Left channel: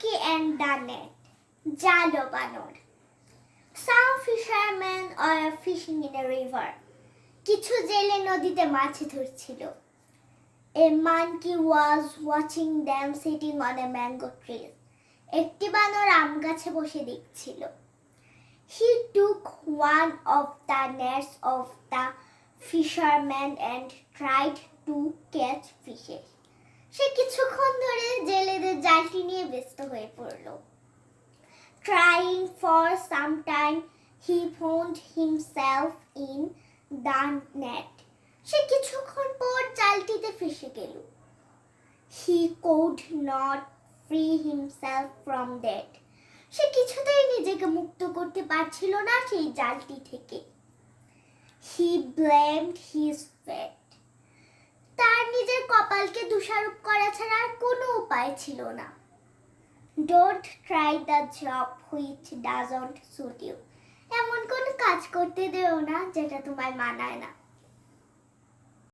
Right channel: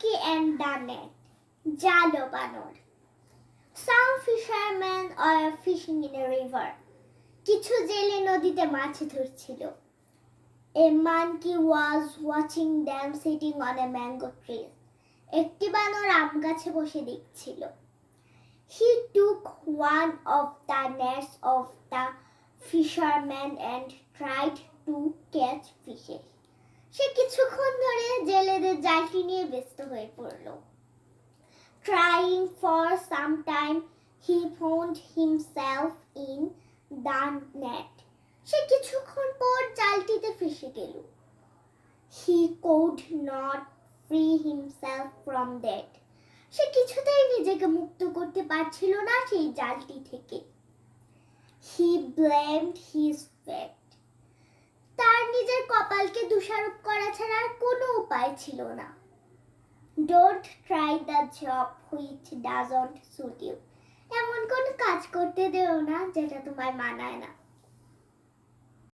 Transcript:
monkey and the net. জালো বানর। Some fishermen are fishing in a river. কিছু জেলে নদীতে মাছ ধরছিল। A monkey was watching them sitting on a mango tree. একটি বানর আম গাছে বসে দেখছিল। He took one of the nets of the fisherman and tried to catch fishes. সে কিছুক্ষণ ধরে জেলেদের জালটি নিয়ে ব্যস্ত হয়ে পড়ল। Trying for some time, he found himself in the net. সে কিছুক্ষণ পর জালটিতে ফেসে গেল। He could not free himself from that. সে কিছুতেই নিজেকে মুক্ত করতে পারছিল না সেই জালটি থেকে। He blamed his fate. তার নিজের কপালকে দোষারোপ করা ছাড়া আর কোনো উপায় ছিল না। Don't try the job which doesn't suit you. এমন কোনো কাজ করতে দেও না যেটা তোমার মানায় না।